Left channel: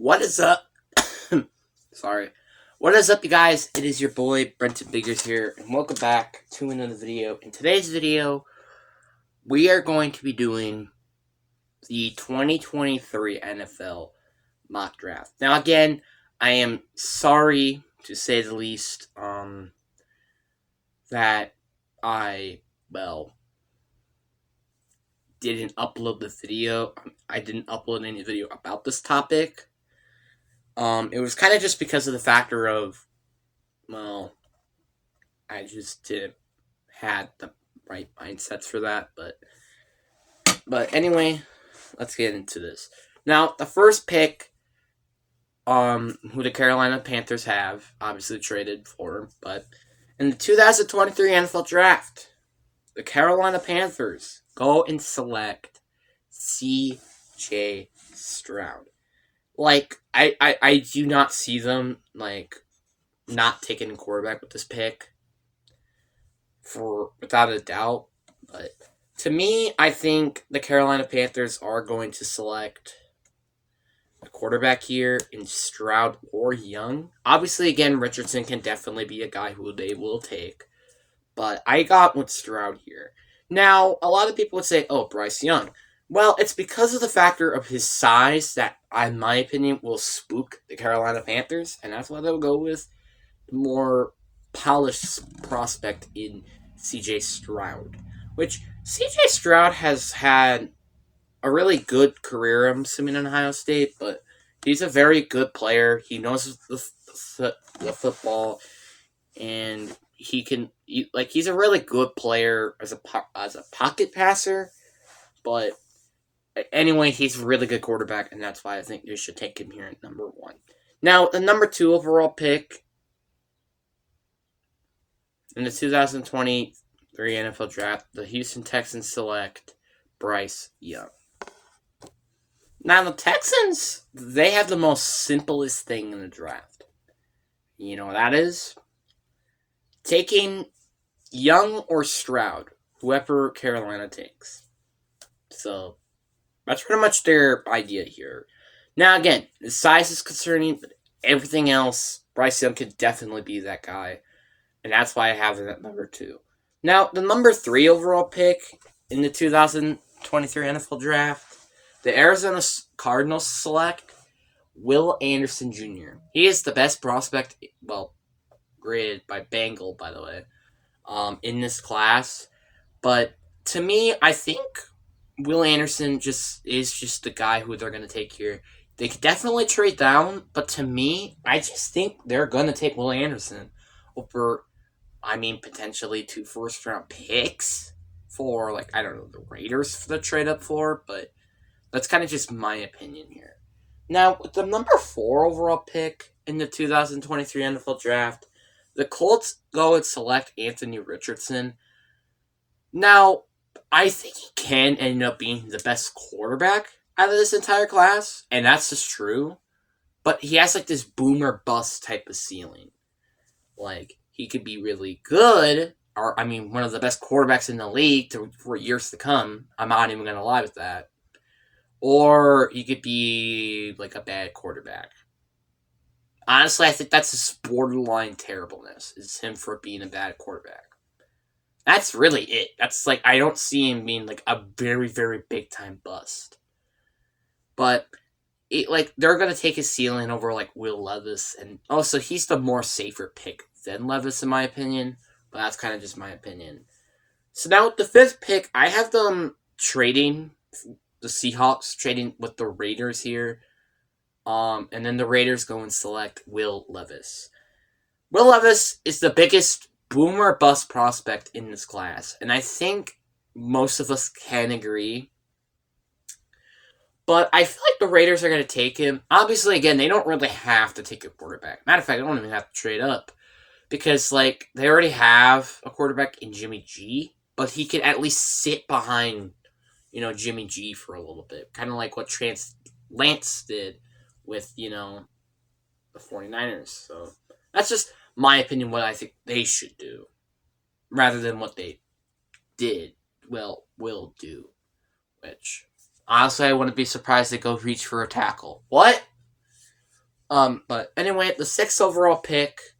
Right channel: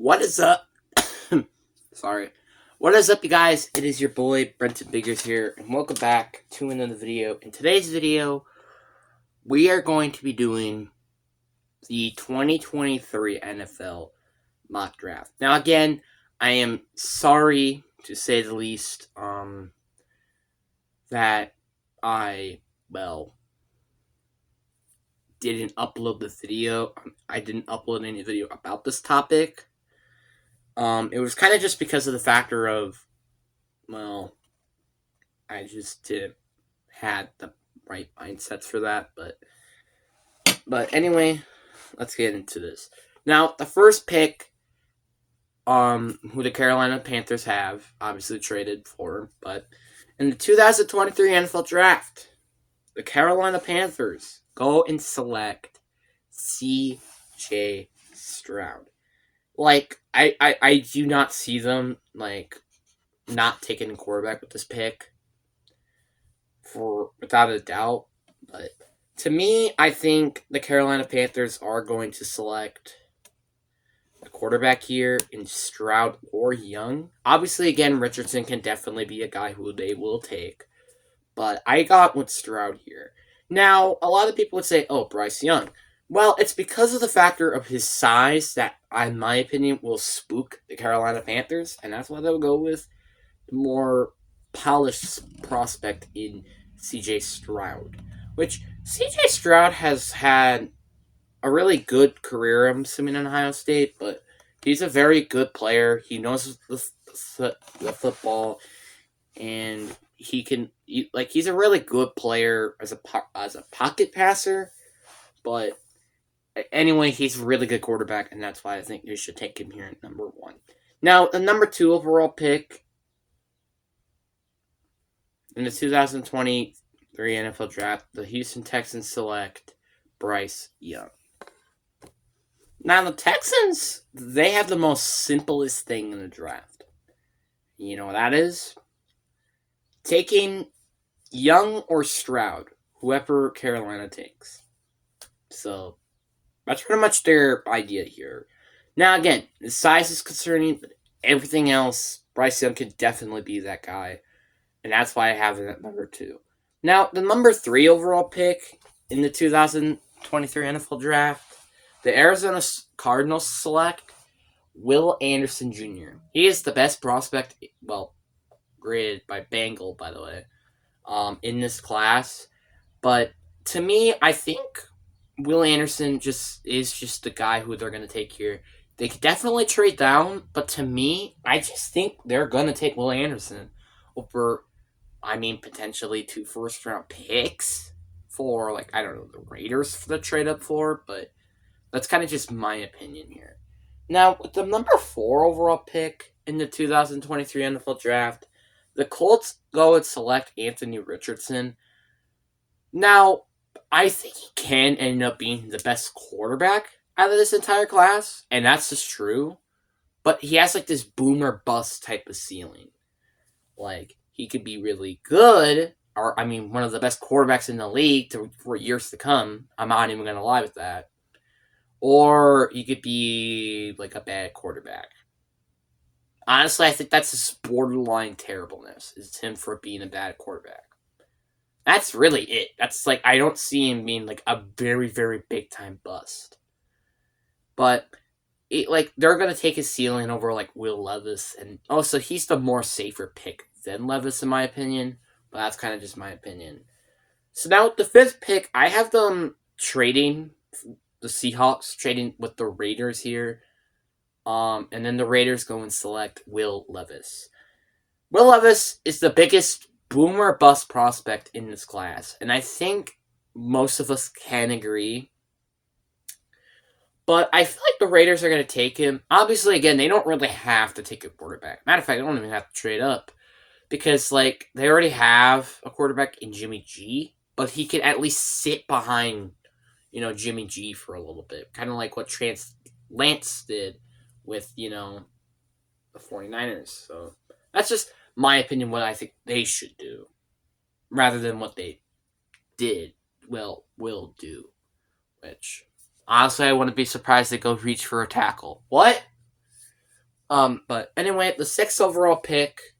What is up? Sorry. What is up, you guys? It is your boy, Brenton Biggers here, and welcome back to another video. In today's video, we are going to be doing the 2023 NFL mock draft. Now, again, I am sorry, to say the least, that I, didn't upload the video. I didn't upload any video about this topic. It was kind of just because of the factor of, I just didn't had the right mindsets for that. But anyway, let's get into this. Now, the first pick, who the Carolina Panthers have obviously traded for, but in the 2023 NFL Draft, the Carolina Panthers go and select C.J. Stroud. I do not see them, not taking a quarterback with this pick, for without a doubt. But to me, I think the Carolina Panthers are going to select a quarterback here in Stroud or Young. Obviously, again, Richardson can definitely be a guy who they will take. But I got with Stroud here. Now, a lot of people would say, oh, Bryce Young. Well, it's because of the factor of his size that, in my opinion, will spook the Carolina Panthers, and that's why they'll go with the more polished prospect in C.J. Stroud. Which, C.J. Stroud has had a really good career, I'm assuming, in Ohio State, but he's a very good player. He knows the football, and he's a really good player as a pocket passer, but anyway, he's a really good quarterback, and that's why I think you should take him here at number 1. Now, the number 2 overall pick in the 2023 NFL Draft, the Houston Texans select Bryce Young. Now, the Texans, they have the most simplest thing in the draft. You know what that is? Taking Young or Stroud, whoever Carolina takes. So, that's pretty much their idea here. Now, again, the size is concerning, but everything else, Bryce Young could definitely be that guy. And that's why I have him at number 2. Now, the number 3 overall pick in the 2023 NFL Draft, the Arizona Cardinals select Will Anderson Jr. He is the best prospect, graded by Bengal, by the way, in this class. But to me, I think Will Anderson is just the guy who they're going to take here. They could definitely trade down, but to me, I just think they're going to take Will Anderson over, potentially 2 first-round picks for, the Raiders for the trade up for, but that's kind of just my opinion here. Now, with the number 4 overall pick in the 2023 NFL Draft, the Colts go and select Anthony Richardson. Now, I think he can end up being the best quarterback out of this entire class, and that's just true. But he has, this boom or bust type of ceiling. He could be really good, or, one of the best quarterbacks in the league for years to come. I'm not even going to lie with that. Or he could be, a bad quarterback. Honestly, I think that's his borderline terribleness, is him for being a bad quarterback. That's really it. That's, I don't see him being, a very, very big-time bust. But, they're going to take his ceiling over, Will Levis. And also, he's the more safer pick than Levis, in my opinion. But that's kind of just my opinion. So now, with the 5th pick, I have them trading, the Seahawks trading with the Raiders here. And then the Raiders go and select Will Levis. Will Levis is the biggest boom or bust prospect in this class. And I think most of us can agree. But I feel like the Raiders are going to take him. Obviously, again, they don't really have to take a quarterback. Matter of fact, they don't even have to trade up. Because, they already have a quarterback in Jimmy G. But he can at least sit behind, Jimmy G for a little bit. Kind of like what Lance did with, the 49ers. So, that's just my opinion, what I think they should do. Rather than what they will do. Which, honestly, I wouldn't be surprised they go reach for a tackle. What? But anyway, the 6th overall pick,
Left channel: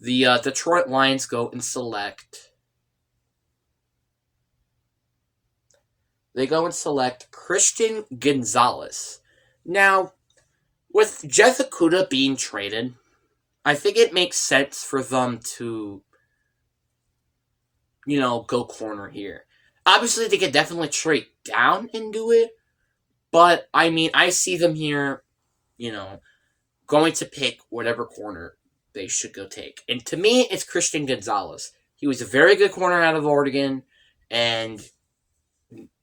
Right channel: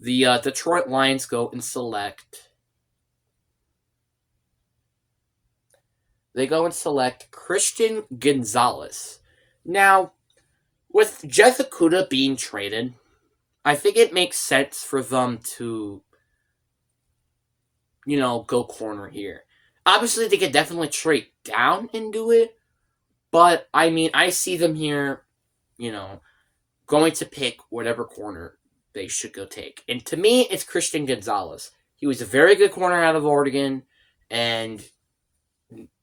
the Detroit Lions go and select. They go and select Christian Gonzalez. Now, with Jeff Okudah being traded, I think it makes sense for them to, go corner here. Obviously, they could definitely trade down and do it, but I mean, I see them here, going to pick whatever corner they should go take. And to me, it's Christian Gonzalez. He was a very good corner out of Oregon, and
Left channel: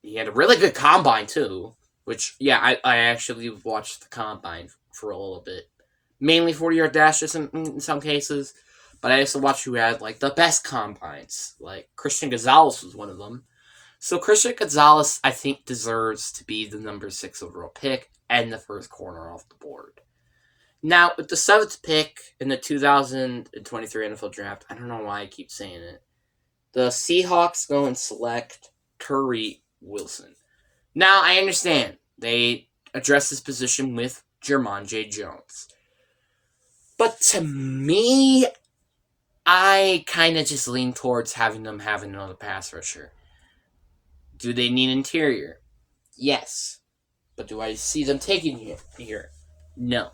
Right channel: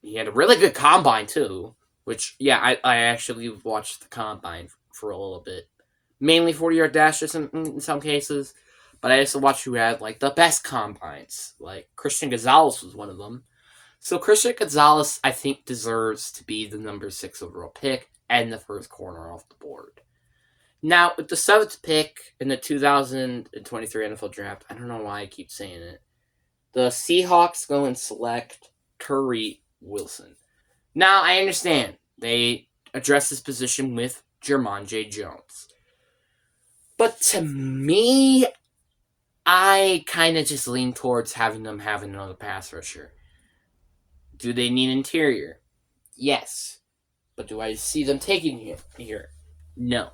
he had a really good combine, too. Which, yeah, I actually watched the combine for a little bit. Mainly 40-yard dashes in some cases. But I also watched who had, the best combines. Christian Gonzalez was one of them. So Christian Gonzalez, I think, deserves to be the number 6 overall pick and the first corner off the board. Now, with the 7th pick in the 2023 NFL Draft, I don't know why I keep saying it, the Seahawks go and select Tyree Wilson. Now, I understand they address this position with Jermon J. Jones. But to me, I kind of just lean towards having them have another pass rusher. Do they need interior? Yes. But do I see them taking here? No.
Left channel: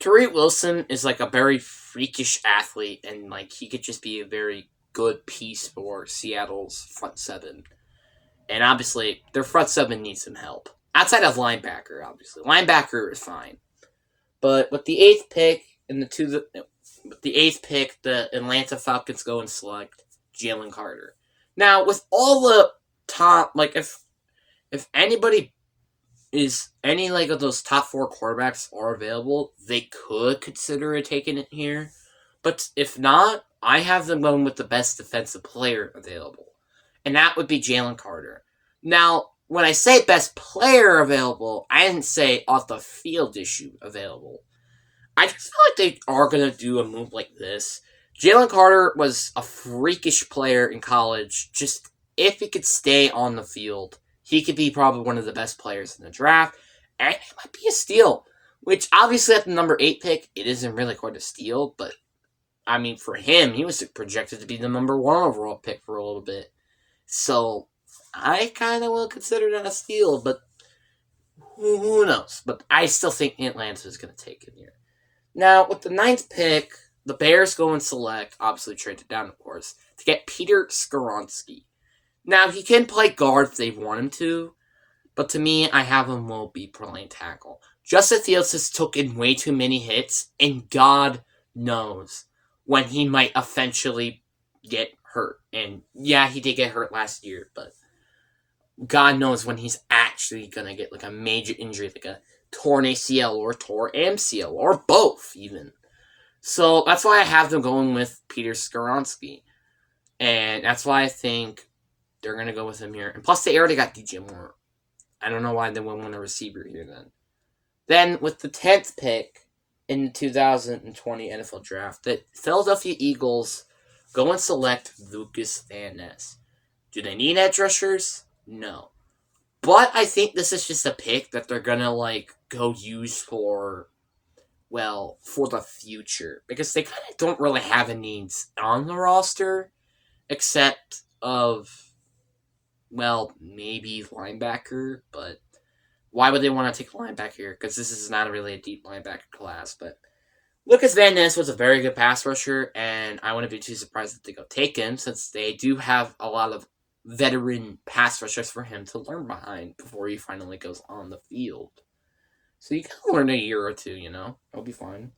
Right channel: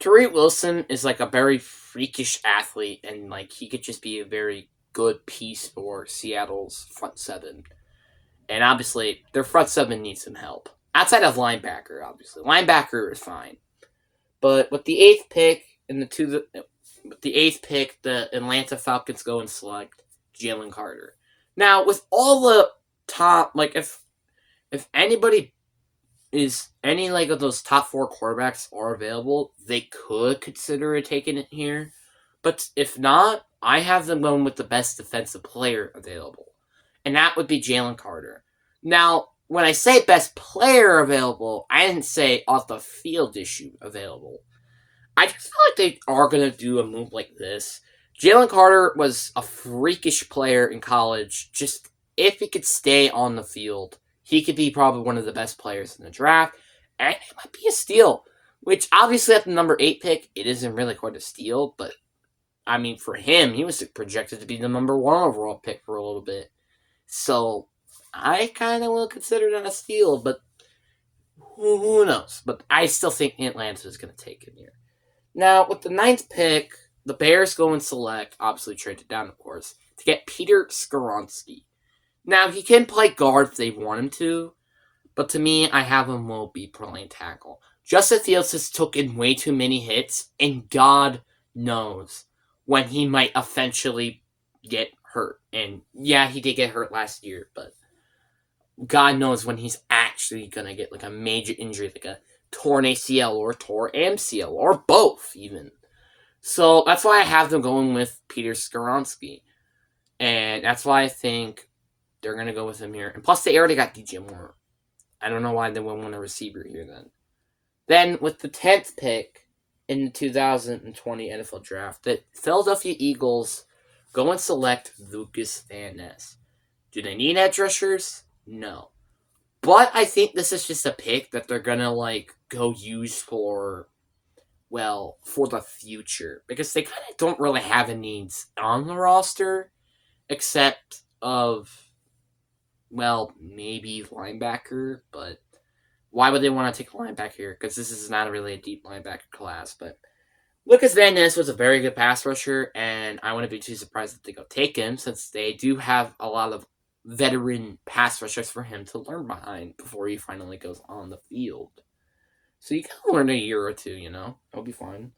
Tyree Wilson is a very freakish athlete, and he could just be a very good piece for Seattle's front seven. And obviously, their front seven needs some help. Outside of linebacker, obviously. Linebacker is fine. But with the 8th pick the Atlanta Falcons go and select Jalen Carter. Now, with all the top, if anybody is any of those top 4 quarterbacks are available, they could consider taking it here. But if not, I have them going with the best defensive player available. And that would be Jalen Carter. Now, when I say best player available, I didn't say off the field issue available. I just feel like they are going to do a move like this. Jalen Carter was a freakish player in college. Just if he could stay on the field, he could be probably one of the best players in the draft. And it might be a steal. Which, obviously, at the number 8 pick, it isn't really quite a steal. But, I mean, for him, he was projected to be the number 1 overall pick for a little bit. So, I kind of will consider that a steal. But, who knows? But I still think Atlanta is going to take him here. Now, with the 9th pick, the Bears go and select, obviously traded down, of course, to get Peter Skoronski. Now, he can play guard if they want him to, but to me, I have him will be playing tackle. Justin Fields has taken way too many hits, and God knows when he might eventually get hurt. And yeah, he did get hurt last year, but God knows when he's actually going to get a major injury, a torn ACL or torn MCL or both even. So that's why I have them going with Peter Skoronski. And that's why I think they're going to go with him here. And plus they already got DJ Moore. I don't know why they wouldn't want a receiver here then. Then with the 10th pick in the 2020 NFL Draft, the Philadelphia Eagles go and select Lucas Van Ness. Do they need edge rushers? No. But I think this is just a pick that they're going to go use for the future. Because they kind of don't really have any needs on the roster. Except of, maybe linebacker. But why would they want to take a linebacker here? Because this is not really a deep linebacker class. But Lucas Van Ness was a very good pass rusher. And I wouldn't be too surprised if they go take him. Since they do have a lot of veteran pass rushers for him to learn behind before he finally goes on the field. So you can learn a year or two, It'll be fine.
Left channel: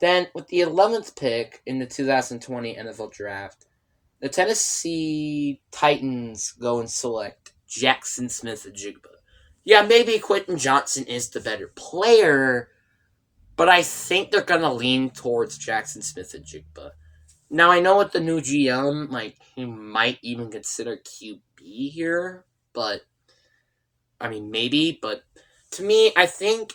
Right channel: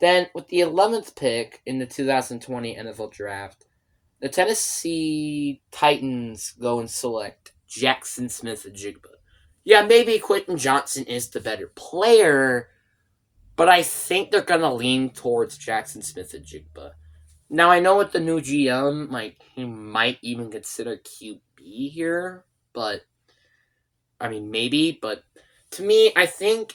Then, with the 11th pick in the 2020 NFL Draft, the Tennessee Titans go and select Jackson Smith-Njigba. Yeah, maybe Quentin Johnson is the better player, but I think they're going to lean towards Jackson Smith-Njigba. Now, I know with the new GM, he might even consider QB here, but, maybe, but to me, I think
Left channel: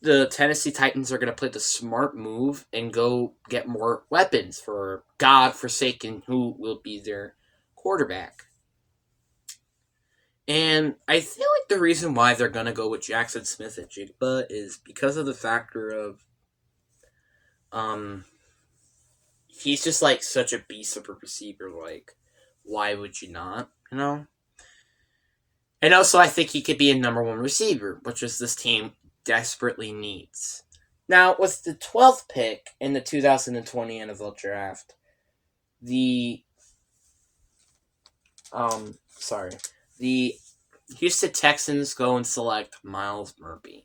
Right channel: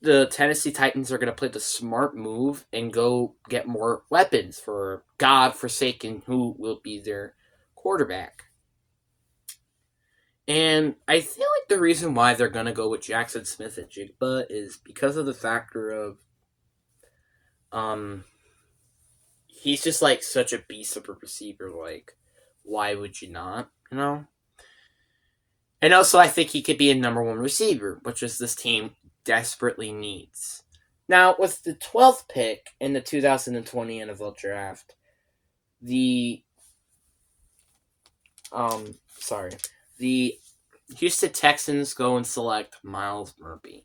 the Tennessee Titans are going to play the smart move and go get more weapons for God-forsaken who will be their quarterback. And I feel like the reason why they're going to go with Jackson Smith at Jigba is because of the factor of um he's just like such a beast of a receiver. Like, why would you not? You know. And also, I think he could be a number one receiver, which is this team desperately needs. Now, with the 12th pick in the 2020 NFL Draft, the sorry, the Houston Texans go and select Myles Murphy.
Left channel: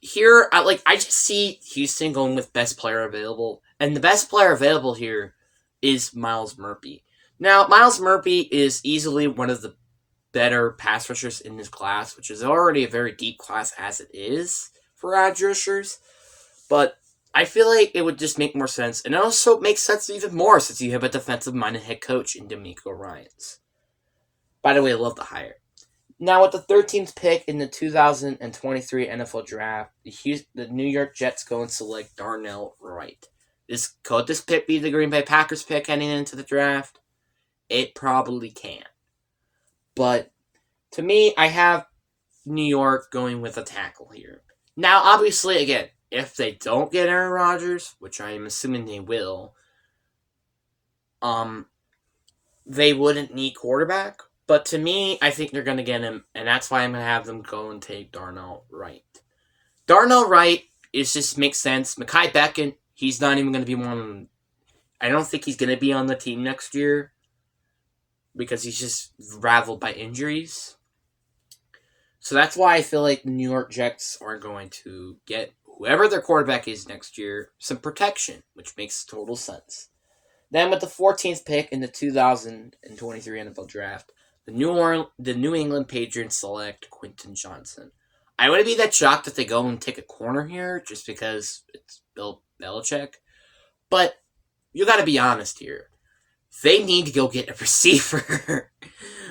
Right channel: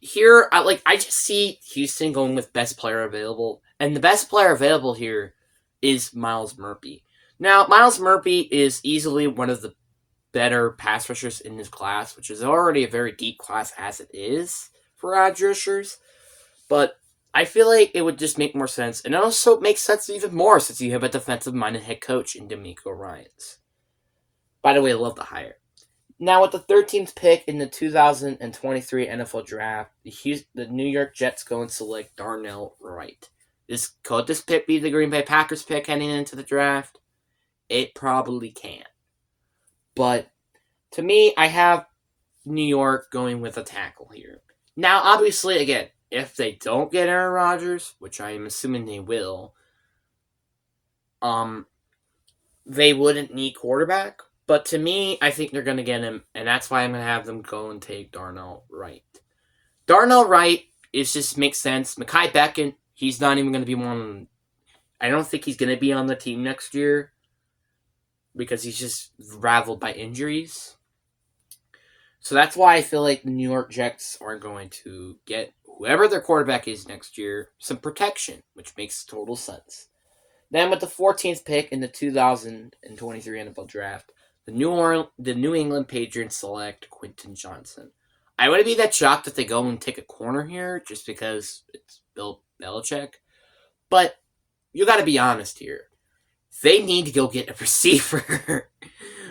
Here I just see Houston going with best player available, and the best player available here is Myles Murphy. Now, Myles Murphy is easily one of the better pass rushers in this class, which is already a very deep class as it is for edge rushers. But I feel like it would just make more sense, and it also makes sense even more since you have a defensive-minded head coach in DeMeco Ryans. By the way, I love the hire. Now, with the 13th pick in the 2023 NFL Draft, the New York Jets go and select Darnell Wright. Could this pick be the Green Bay Packers pick heading into the draft? It probably can. But to me, I have New York going with a tackle here. Now, obviously, again, if they don't get Aaron Rodgers, which I am assuming they will, they wouldn't need quarterback. But to me, I think they're going to get him, and that's why I'm going to have them go and take Darnell Wright. Darnell Wright just makes sense. Mekhi Becton, he's not even going to be one. I don't think he's going to be on the team next year because he's just raveled by injuries. So that's why I feel like the New York Jets are going to get whoever their quarterback is next year some protection, which makes total sense. Then with the 14th pick in the 2023 NFL Draft, the New England Patriots select Quentin Johnson. I wouldn't be that shocked if they go and take a corner here just because it's Bill Belichick. But you got to be honest here. They need to go get a receiver.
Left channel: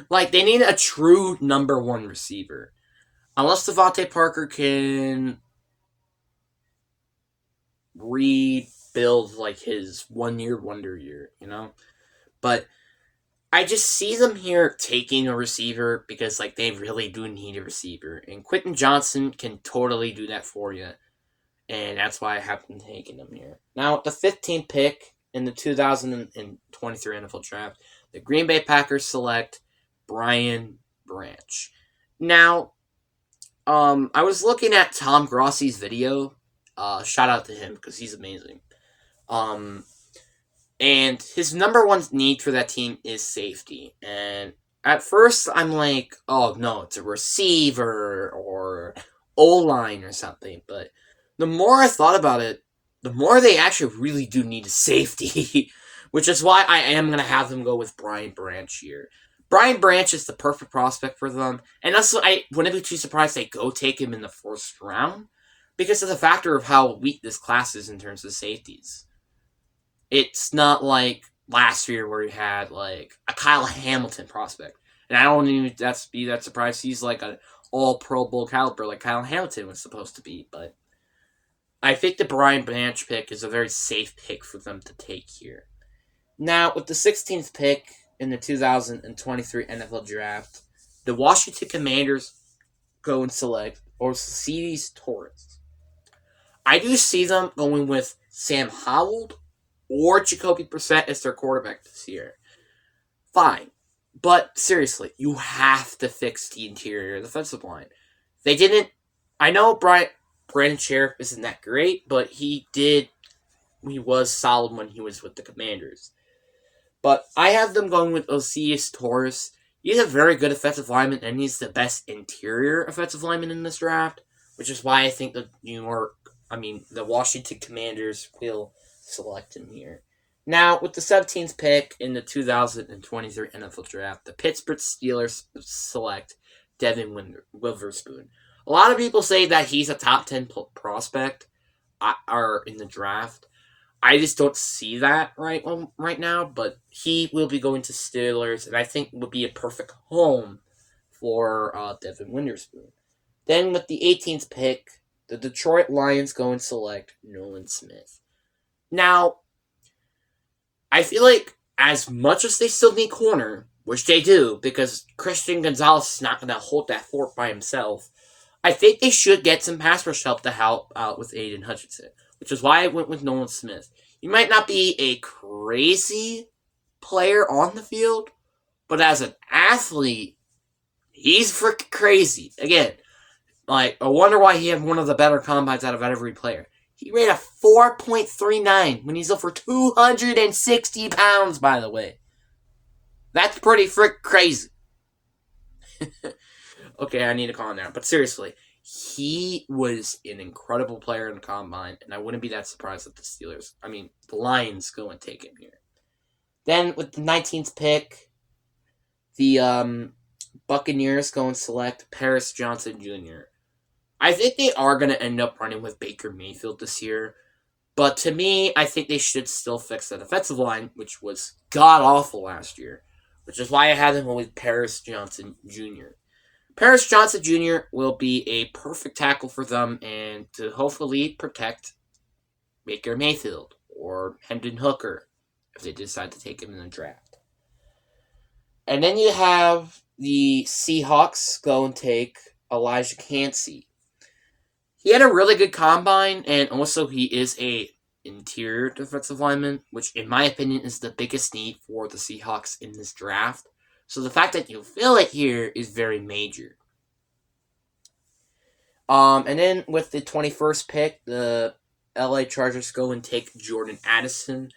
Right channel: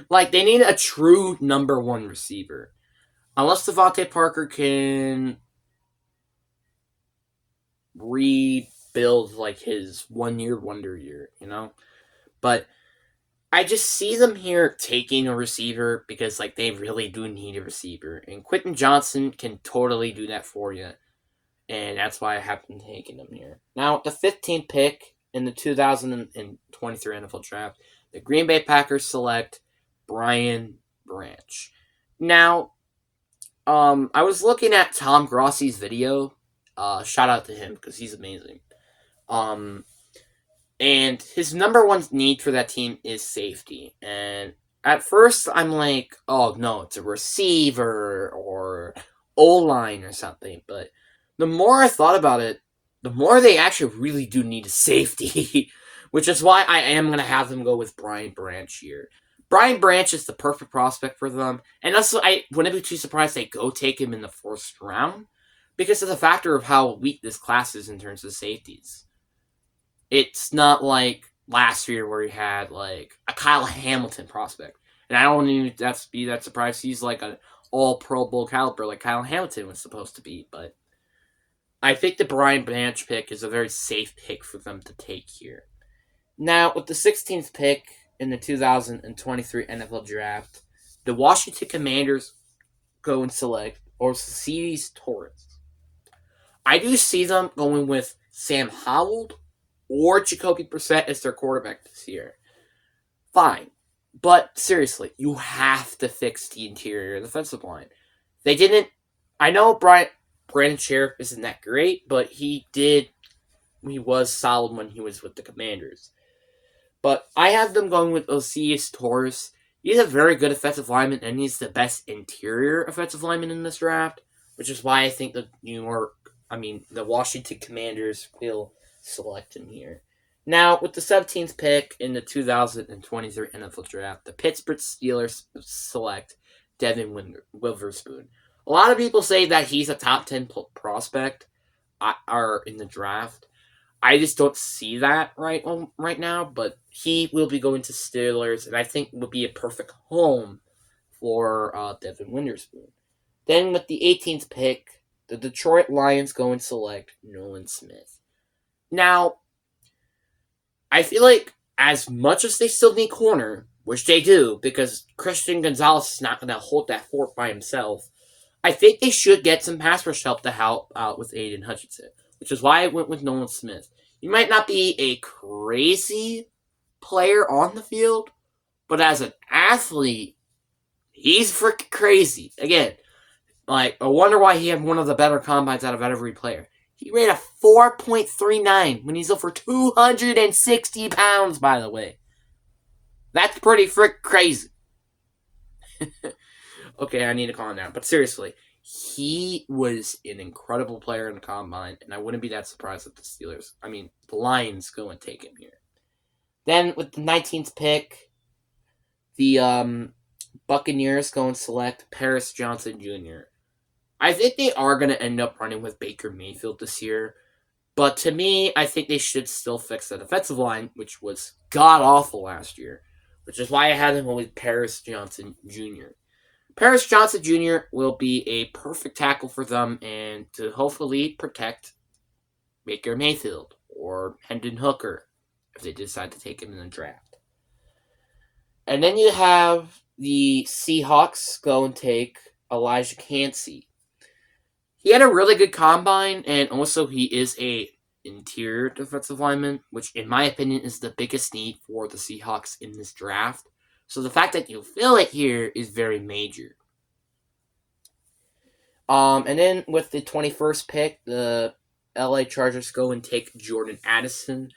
Like, they need a true number one receiver. Unless Devontae Parker can rebuild, like, his 1 year wonder year, you know? But I just see them here taking a receiver because, like, they really do need a receiver. And Quentin Johnson can totally do that for you. And that's why I have been taking him here. Now, the 15th pick in the 2023 NFL Draft, the Green Bay Packers select Brian Branch. Now, I was looking at Tom Grossi's video. Shout out to him because he's amazing. And his number one need for that team is safety. And at first, I'm like, oh no, it's a receiver or O-line or something. But the more I thought about it, the more they actually really do need a safety. Which is why I am going to have them go with Brian Branch here. Brian Branch is the perfect prospect for them. And also, I wouldn't be too surprised they go take him in the first round because of the factor of how weak this class is in terms of safeties. It's not like last year where he had like a Kyle Hamilton prospect. And I don't even be that surprised he's like an all Pro Bowl caliber like Kyle Hamilton was supposed to be. But I think the Brian Branch pick is a very safe pick for them to take here. Now, with the 16th pick in the 2023 NFL Draft, the Washington Commanders go and select Orsides Torres. I do see them going with Sam Howell or Jacoby Brissett as their quarterback this year. Fine. But seriously, you have to fix the interior of the defensive line. They didn't. I know Brandon Sheriff isn't that great, but he was solid when he was with the Commanders. But I have them going with Orsides Torres. He's a very good offensive lineman, and he's the best interior offensive lineman in this draft, which is why I think the Washington Commanders will select him here. Now, with the 17th pick in the 2023 NFL Draft, the Pittsburgh Steelers select Devin Witherspoon. A lot of people say that he's a top 10 prospect in the draft. I just don't see that right now, but he will be going to Steelers, and I think would be a perfect home for Devin Witherspoon. Then with the 18th pick, the Detroit Lions go and select Nolan Smith. Now, I feel like as much as they still need corner, which they do because Christian Gonzalez is not going to hold that fort by himself, I think they should get some pass rush help to help out with Aiden Hutchinson, which is why I went with Nolan Smith. He might not be a crazy player on the field, but as an athlete, he's freaking crazy. Again, I wonder why he had one of the better combines out of every player. He ran a 4.39 when he's over 260 pounds, by the way. That's pretty frick crazy. Okay, I need to calm down. But seriously, he was an incredible player in the combine, and I wouldn't be that surprised if the Lions go and take him here. Then with the 19th pick, the Buccaneers go and select Paris Johnson Jr. I think they are going to end up running with Baker Mayfield this year. But to me, I think they should still fix the defensive line, which was god-awful last year. Which is why I had him with Paris Johnson Jr. Paris Johnson Jr. will be a perfect tackle for them and to hopefully protect Baker Mayfield or Hendon Hooker if they decide to take him in the draft. And then you have the Seahawks go and take Elijah Cansey. He had a really good combine, and also he is a interior defensive lineman, which in my opinion is the biggest need for the Seahawks in this draft. So the fact that you fill it here is very major. And then with the 21st pick, the LA Chargers go and take Jordan Addison.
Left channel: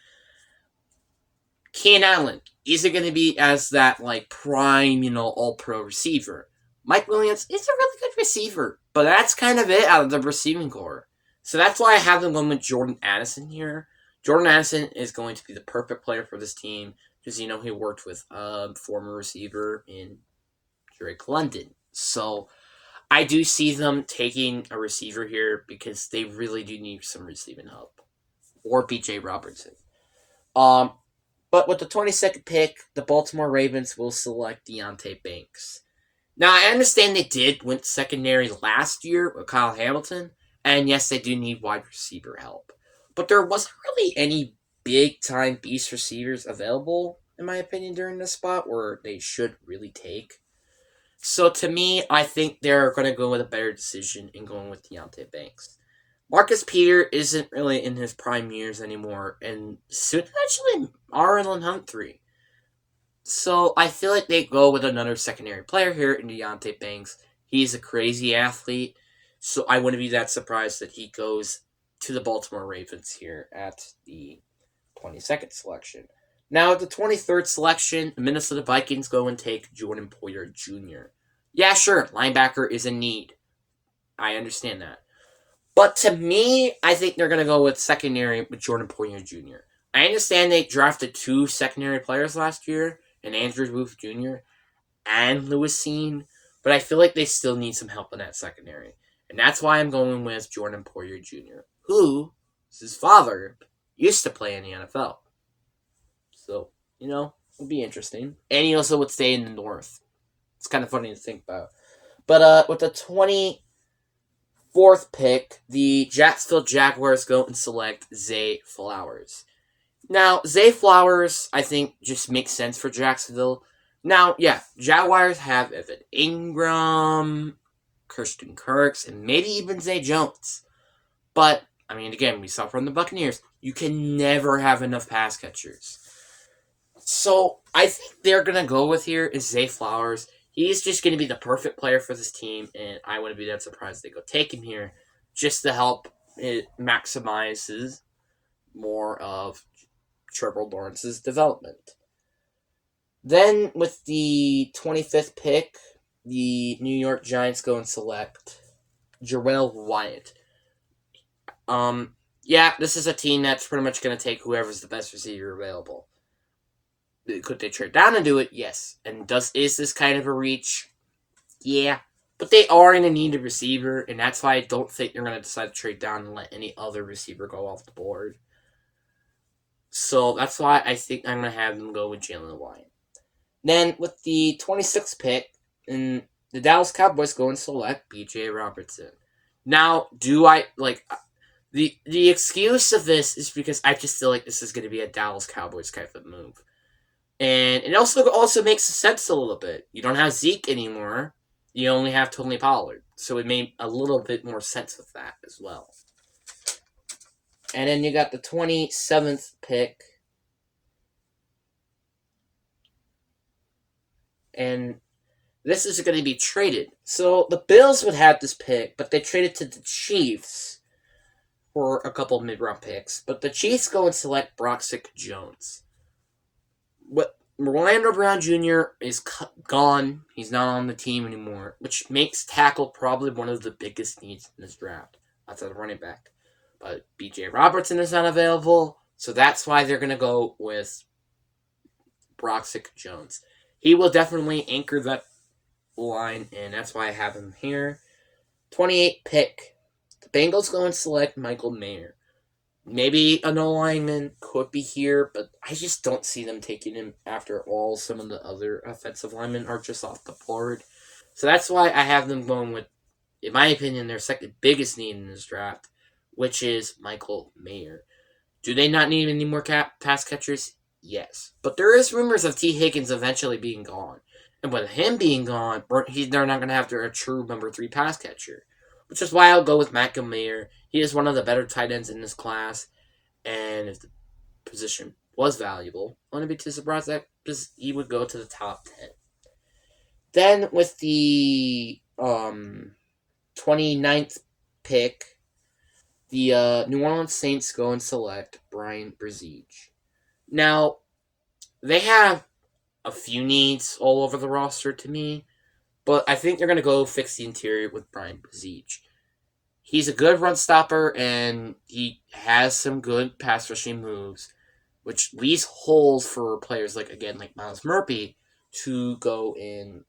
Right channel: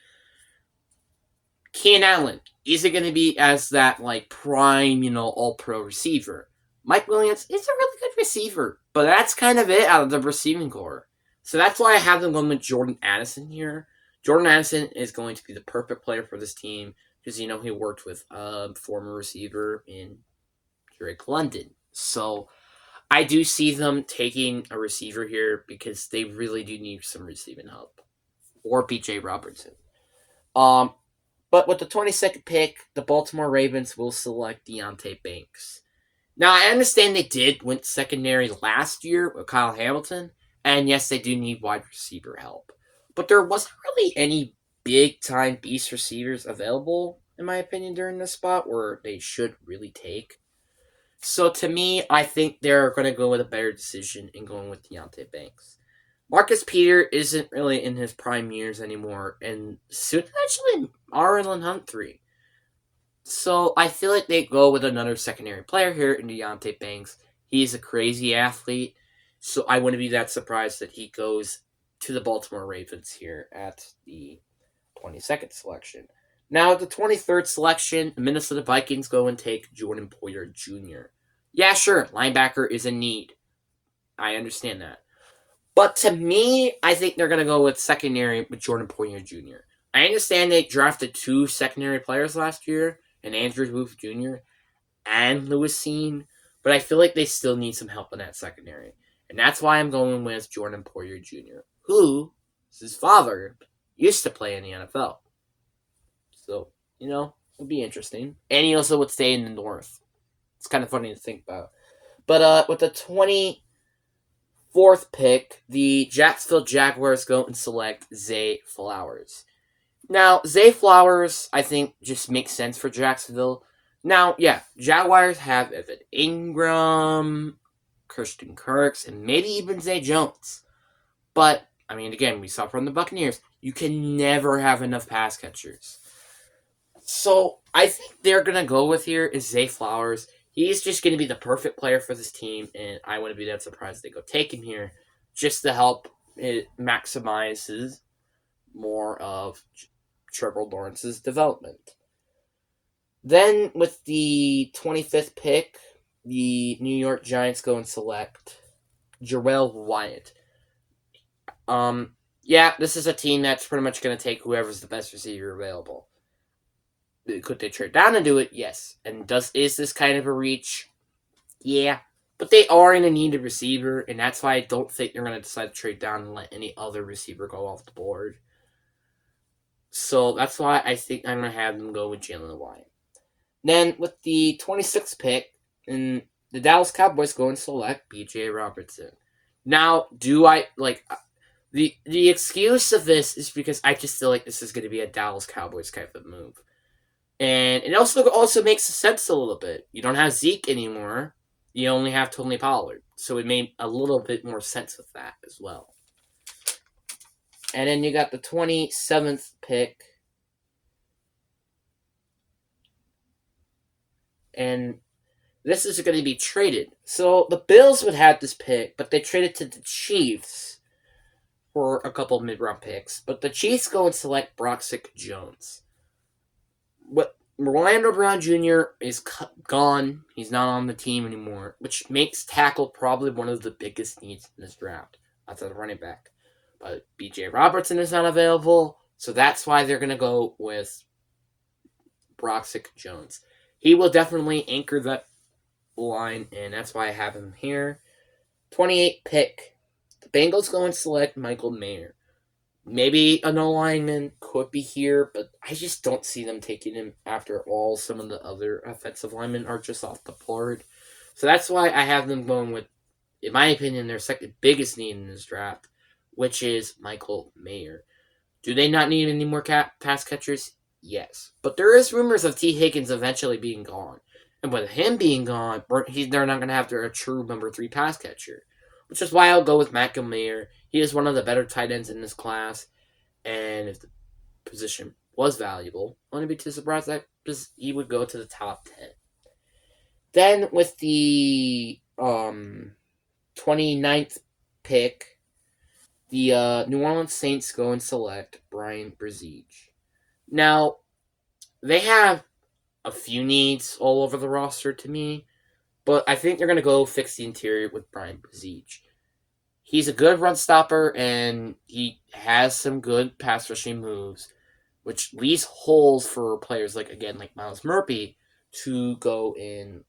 Keenan Allen isn't going to be as that prime, all-pro receiver. Mike Williams is a really good receiver, but that's kind of it out of the receiving corps. So that's why I have them going with Jordan Addison here. Jordan Addison is going to be the perfect player for this team because, he worked with a former receiver in Drake London. So I do see them taking a receiver here because they really do need some receiving help. Or B.J. Robertson. But with the 22nd pick, the Baltimore Ravens will select Deonte Banks. Now, I understand they did win secondary last year with Kyle Hamilton, and yes, they do need wide receiver help. But there wasn't really any big-time beast receivers available, in my opinion, during this spot where they should really take. So to me, I think they're going to go with a better decision in going with Deonte Banks. Marcus Peter isn't really in his prime years anymore, and soon actually Marlon Humphrey. So I feel like they go with another secondary player here in Deonte Banks. He's a crazy athlete, so I wouldn't be that surprised that he goes to the Baltimore Ravens here at the 22nd selection. Now at the 23rd selection, the Minnesota Vikings go and take Jordan Poyer Jr. Yeah, sure, linebacker is a need. I understand that. But to me, I think they're going to go with secondary with Jordan Poyer Jr. I understand they drafted 2 secondary players last year, and Andrew Booth Jr. and Lewis Cine, but I feel like they still need some help in that secondary. And that's why I'm going with Jordan Poyer Jr., who, his father, used to play in the NFL. So, it'll be interesting. And he also would stay in the North. It's kind of funny to think about. But with the 24th pick, the Jacksonville Jaguars go and select Zay Flowers. Now, Zay Flowers, I think, just makes sense for Jacksonville. Now, yeah, Jaguars have Evan Ingram, Christian Kirks, and maybe even Zay Jones. But, again, we saw from the Buccaneers, you can never have enough pass catchers. So, I think they're going to go with here is Zay Flowers. He's just going to be the perfect player for this team, and I wouldn't be that surprised they go take him here just to help it maximizes more of Trevor Lawrence's development. Then, with the 25th pick, the New York Giants go and select Jarrell Wyatt. Yeah, this is a team that's pretty much going to take whoever's the best receiver available. Could they trade down and do it? Yes. And is this kind of a reach? Yeah. But they are in a needed receiver, and that's why I don't think they're going to decide to trade down and let any other receiver go off the board. So that's why I think I'm going to have them go with Jalen Wyatt. Then with the 26th pick, the Dallas Cowboys go and select B.J. Robertson. Now, do I, the excuse of this is because I just feel like this is going to be a Dallas Cowboys type of move. And it also makes sense a little bit. You don't have Zeke anymore. You only have Tony Pollard. So it made a little bit more sense with that as well. And then you got the 27th pick. And this is going to be traded. So the Bills would have this pick, but they traded to the Chiefs for a couple of mid-round picks. But the Chiefs go and select Broxick Jones. What Orlando Brown Jr. is gone. He's not on the team anymore, which makes tackle probably one of the biggest needs in this draft. Outside of running back. But B.J. Robertson is not available, so that's why they're going to go with Broxick Jones. He will definitely anchor that line, and that's why I have him here. 28 pick. The Bengals go and select Michael Mayer. Maybe a no lineman could be here, but I just don't see them taking him after all. Some of the other offensive linemen are just off the board. So that's why I have them going with, in my opinion, their second biggest need in this draft, which is Michael Mayer. Do they not need any more pass catchers? Yes. But there is rumors of T. Higgins eventually being gone. And with him being gone, they're not going to have a true number 3 pass catcher. Which is why I'll go with Michael Mayer. He is one of the better tight ends in this class. And if the position was valuable, I wouldn't be too surprised that he would go to the top 10. Then with the 29th pick, the New Orleans Saints go and select Bryan Bresee. Now, they have a few needs all over the roster to me, but I think they're going to go fix the interior with Bryan Bresee. He's a good run stopper, and he has some good pass rushing moves, which leaves holes for players like Myles Murphy to go and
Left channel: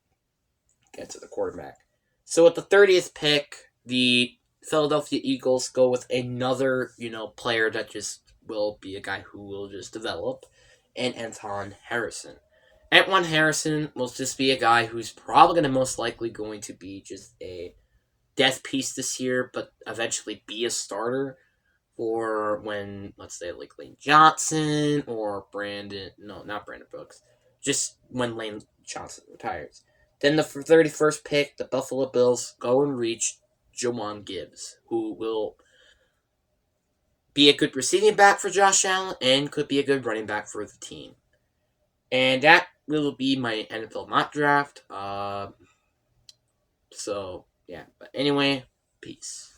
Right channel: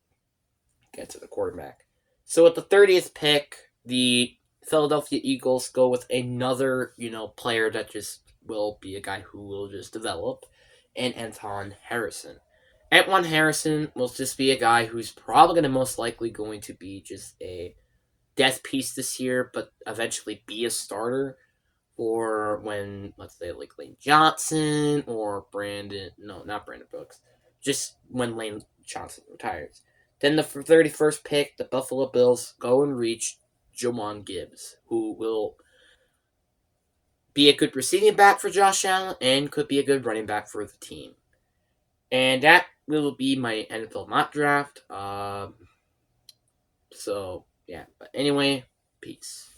get to the quarterback. So at the 30th pick, the Philadelphia Eagles go with another, player that just will be a guy who will just develop, and Anton Harrison. Antoine Harrison will just be a guy who's probably most likely going to be just a death piece this year, but eventually be a starter for when, let's say, like Lane Johnson or not Brandon Brooks, just when Lane Johnson retires. Then the 31st pick, the Buffalo Bills go and reach Jawan Gibbs, who will be a good receiving back for Josh Allen and could be a good running back for the team. And that will be my NFL mock draft. So, yeah. But anyway, peace.